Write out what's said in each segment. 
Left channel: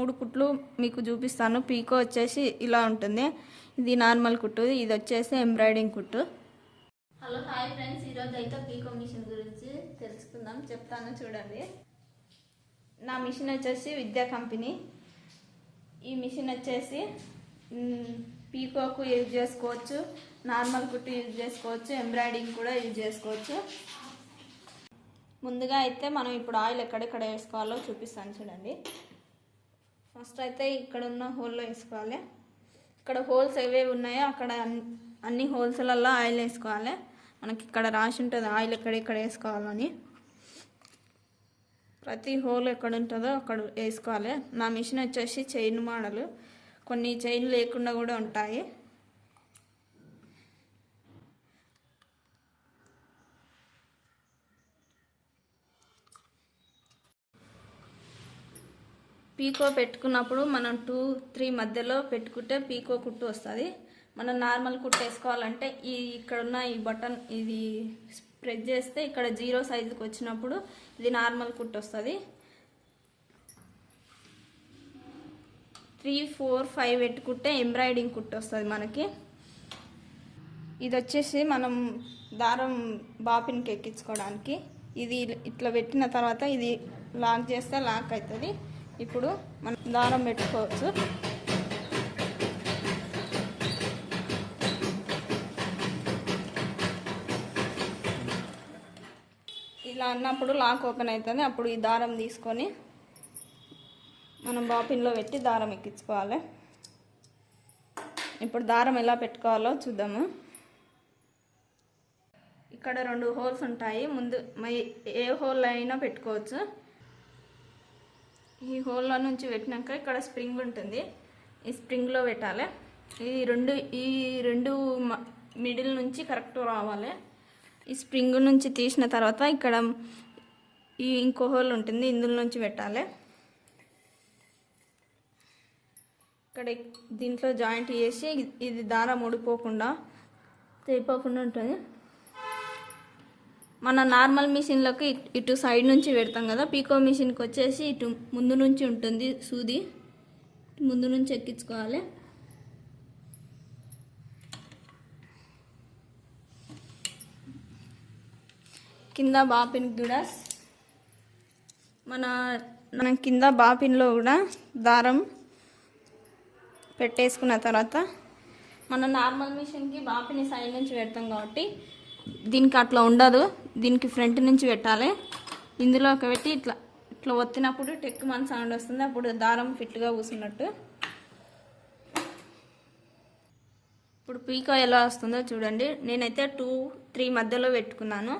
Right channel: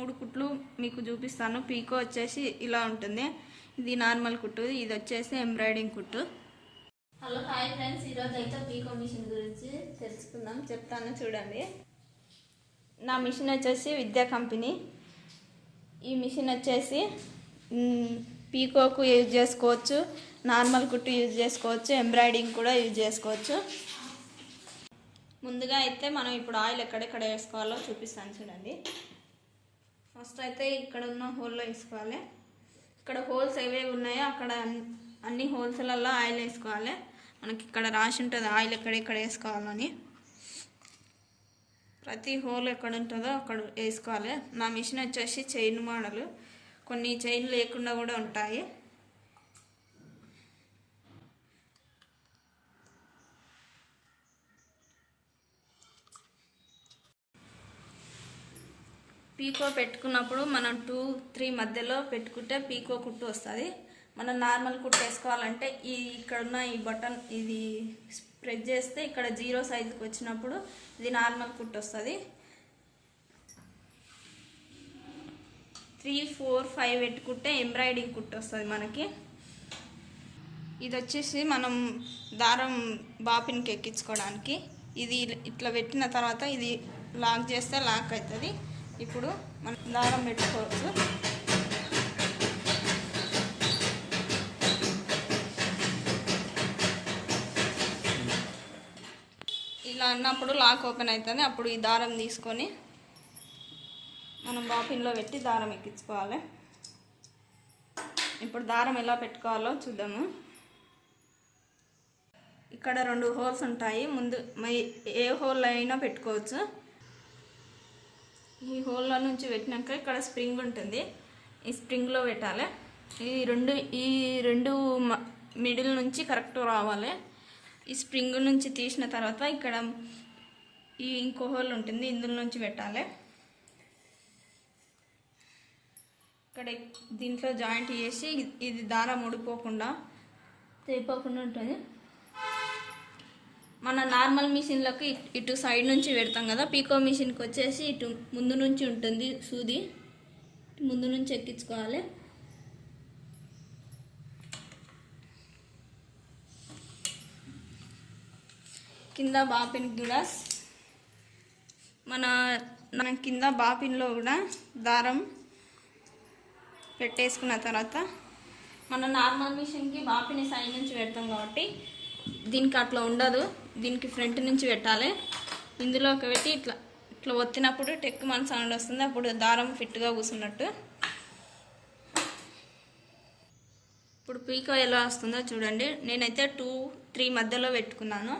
3 కుట్లు మీకు చూపిస్తాను. పీకో వచ్చేసి ఇలా ఉంటుంది, ఇది నార్మల్ కుట్టు, ఇది వచ్చేసి ఎంబ్రాయిడింగ్ కుట్టు. హలో హాయ్ ఫ్రెండ్స్, ఈరోజు అయితే పీకో మిషన్ గురించి తెలుసుకుందాం, చెప్తాను చూడండి. నా మిషన్ వచ్చేసి విద్యా కంపెనీ. ఈ మిషన్ వచ్చేసి పీకోకు యూజ్ చేసుకోవచ్చు, నార్మల్ కుట్టు యూజ్ చేసుకోవచ్చు, ఎంబ్రాయిడింగ్ కూడా యూజ్ చేసుకోవచ్చు. ముందుగా అయితే మనం ఇప్పుడు ఆయిల్ ఎక్కడెక్కడ వేసుకోవాలో చూపిస్తాను చూడండి. ఫస్ట్ అయితే ఇక్కడ ఉన్న హోల్లో వేసుకోవాలి. ఇక్కడ హోల్స్ ఏవేవి ఉన్నాయో అక్కడ అన్ని హోల్స్లలో ఆయిల్ వేసుకోవాలి. మనకి ఇక్కడ రాసి ఉంటుంది ఆయిల్ ఎక్కడెక్కడ వేసుకోవాలని. ప్రతి హోల్ ఎక్కడ ఉంటుందో అక్కడ వేసుకోవాలి. నా మిషన్ వచ్చేసి చైన్ మోడల్, కొన్ని చైన్ లేకుండా కూడా ఉంటాయి. పీకో పెట్టుకున్నప్పుడు మనం 2-3 మధ్యలో పెట్టుకుంటే పీకో కుట్టు వస్తుంది. మనం నార్మల్ కుట్టు వేసుకోవాలంటే ఇక్కడ ఉన్న ఈ బటన్ ఇది ప్రెస్ చేస్తే ఇక్కడ 0 సైజుకి వచ్చినప్పుడు ఇది నార్మల్ కుట్టు వస్తుంది. 3, 4, 5 పెట్టుకుంటే ఎంబ్రాయిడింగ్ కుట్టు వస్తుంది మనకి. ఇది వచ్చేసి మనం దారం బాపిన్కి ఎక్కించుకోవడానికి. ఇది ఇట్లా పెట్టిన తర్వాత ఇది లాక్ చేస్తే లాక్ అవుతుంది. ఇప్పుడు మనం దారం పెట్టుకోవచ్చు. ఇలా అన్నప్పుడు లాక్ ఓపెన్ అవుతుంది. అప్పుడు ఈ దారం తీసుకొని మనం బాపిన్లో పెట్టి దారం ఎక్కించుకోవాలి. ఇప్పుడు దారం ఎలా పెట్టుకోవాలో చూద్దాము. ఇక్కడ 2 హోల్స్ ఉంటాయి. ముందు ఏ హోల్ అయినా పెట్టుకోవచ్చు. ఈ హోల్లో నుంచి పెట్టినాక ఇక్కడ స్ప్రింగ్ ఉంటుంది, ఈ స్ప్రింగ్లో పెట్టాలి. ఈ రెండు మిడిల్ నుంచి కరెక్ట్ రావాలి. ఈ స్ప్రింగ్ నుంచి తీసిన తర్వాత ఇక్కడ ఇంకో హోల్ ఉంటుంది, ఇందులో నుంచి పెట్టాలి. ఇక్కడ దీంట్లో జాయింట్ చేసి ఇది దారం ఊడిపోకుండా తెగిపోకుండా ఉంటుంది. మన నార్మల్ మిషన్లోకి ఇటు సైడ్ నుంచి పెడతాం కదా, పీకో మిషన్కి వచ్చేసి ఇటు ముందు నుంచి ఉంటుంది సూది, ముందు నుంచి ఎక్కించుకోవాలి. కింద బాపిన్ కూడా మన కింద బాపిన్లో కూడా దారం పెట్టేసుకున్న తర్వాత మన నార్మల్ మిషన్కి బాపిని సైడ్ నుంచి పెడతాం కాబట్టి దీనికి అట్లా ఉండదు, దీనికి ఫ్రంట్ నుంచి పెట్టాలి. ఇందులో పెట్టి ఇట్లా ఇట్లా ఒత్తినప్పుడు టెక్ మన సౌండ్ వస్తుంది, అప్పుడు దారం ఫిట్గా కూర్చున్నట్టు. ఇప్పుడు పీకో ఎలా వస్తుందో చూడండి. నేనైతే 2-3 మధ్యలో పెట్టుకున్నాను.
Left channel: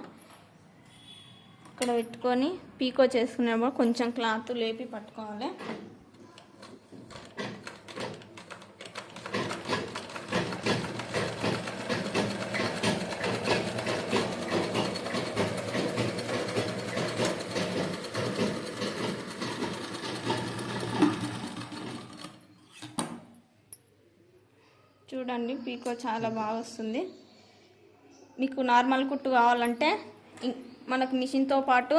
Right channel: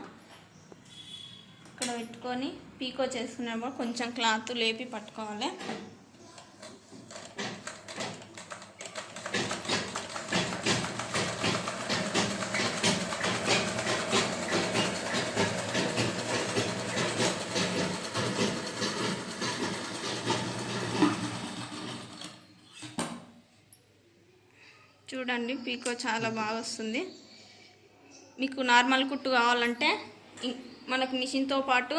ఇక్కడ పెట్టుకొని పీకో చేసుకునేప్పుడు కొంచెం క్లాత్ లేపి పట్టుకోవాలి. చూడండి పీకో చాలా బాగా వస్తుంది. మీకు నార్మల్ కుట్టు కావాలంటే మనకు మిషన్తో పాటు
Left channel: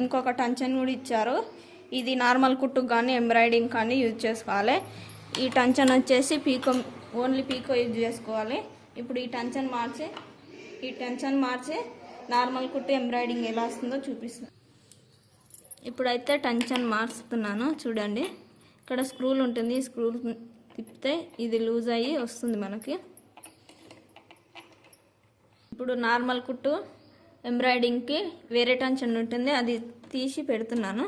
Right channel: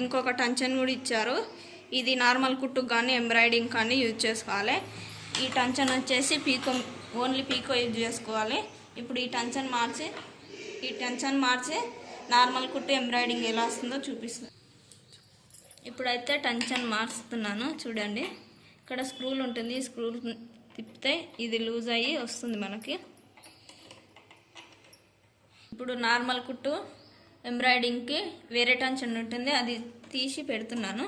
ఇంకొక టంచన్ కూడా ఇచ్చారు. ఇది నార్మల్ కుట్టుకు కానీ ఎంబ్రాయిడింగ్ కానీ యూజ్ చేసుకోవాలి. ఈ టంచన్ వచ్చేసి ఓన్లీ పీకో యూజ్ చేసుకోవాలి. ఇప్పుడు ఈ టంచన్ మార్చి నార్మల్ కుట్టు ఎంబ్రాయిడింగ్ ఎలా వస్తుందో చూపిస్తాను. ఇప్పుడైతే టంచన్ మార్చుతున్నాను చూడండి. ఇక్కడ స్క్రూలు ఉంటుంది, ఈ స్క్రూలు తిప్పితే ఇది లూజ్ అయ్యి వస్తుంది మనకి. ఇప్పుడు నార్మల్ కుట్టు ఎంబ్రాయిడింగ్కి వేరే టెన్షన్ ఉంటుంది, అది తీసి పెడుతున్నాను.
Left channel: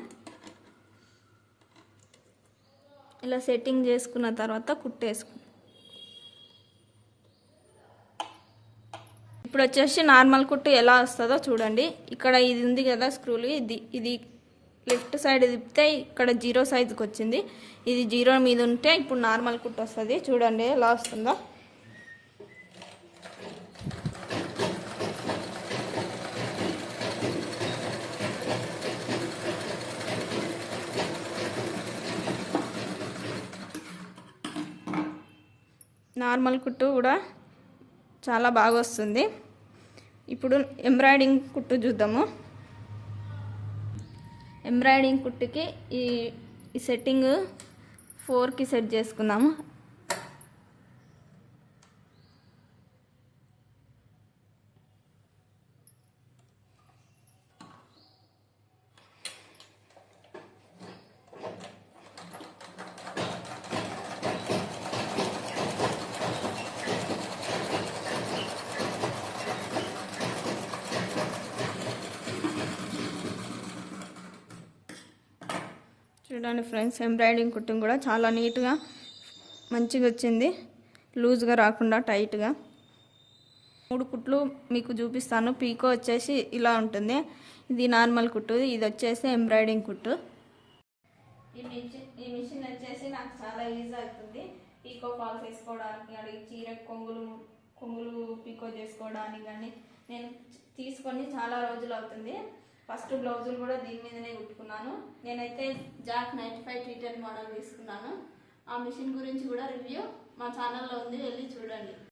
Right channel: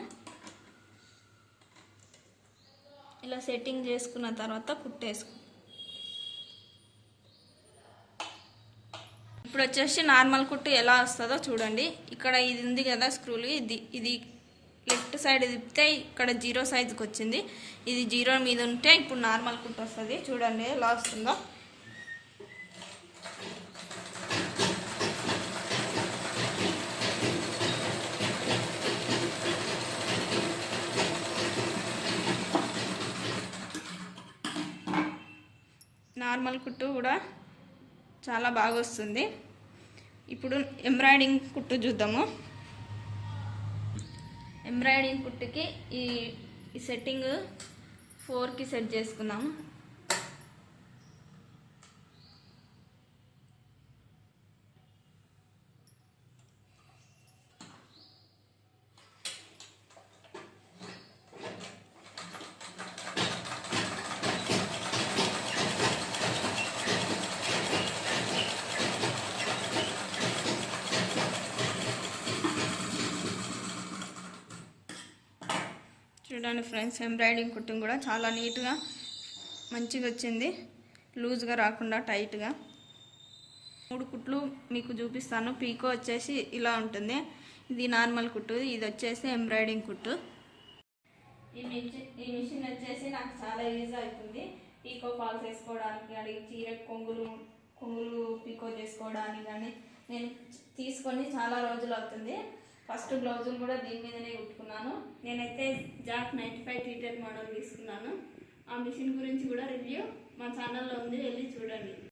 ఇలా సెట్టింగ్ చేసుకున్న తర్వాత కుట్టేసుకు. ఇప్పుడు వచ్చేసి నార్మల్ కుట్టు ఎలా వస్తుందో చూడండి. ఇక్కడ ఇది ఉంది కదా స్క్రూలు, ఇది లెఫ్ట్ సైడ్ తిప్పితే ఇక్కడ 0 సైజుకి వచ్చింది. ఇది 0 మీద ఉంటే ఇప్పుడు నార్మల్ కుట్టు వస్తుంది. చూడండి ఎలా వస్తుందో. నార్మల్ కుట్టు కూడా చాలా బాగా వస్తుంది. ఇప్పుడు ఎంబ్రాయిడింగ్ కుట్టు చూద్దాము. ఎంబ్రాయిడింగ్ కుట్టుకి ఈ సెట్టింగ్ 4కి సెట్ చేసుకుందాము. చూడండి ఫ్రెండ్స్, ఎంబ్రాయిడింగ్ కుట్టింగ్ కూడా చాలా నీట్గా మంచిగా వచ్చింది, లూజ్గా రాకుండా టైట్గా. 3 కుట్లు మీకు చూపిస్తాను. పీకో వచ్చేసి ఇలా ఉంటుంది, ఇది నార్మల్ కుట్టు, ఇది వచ్చేసి ఎంబ్రాయిడింగ్ కుట్టు. ఈ మిషన్ వచ్చేసి నాకు చాలా ఈజీ అవుతుంది పీకో ఫాల్స్ వేసుకోవడానికి, అడిగి చీర కొంగులు పీకో చేసుకోవడానికి. కానీ నేను తీసుకొని చాలా రోజులు అవుతుంది. ఫస్ట్ బ్లౌజులు కూడా దీని మీదనే కుట్టుకున్నాను. నేనైతే జాక్ 95 టీటెడ్ మోడల్ తీసుకున్నాను. ఆ మిషన్ గురించి కూడా రివ్యూ మా ఛానల్లో ఉంది, వెళ్ళి చూడండి.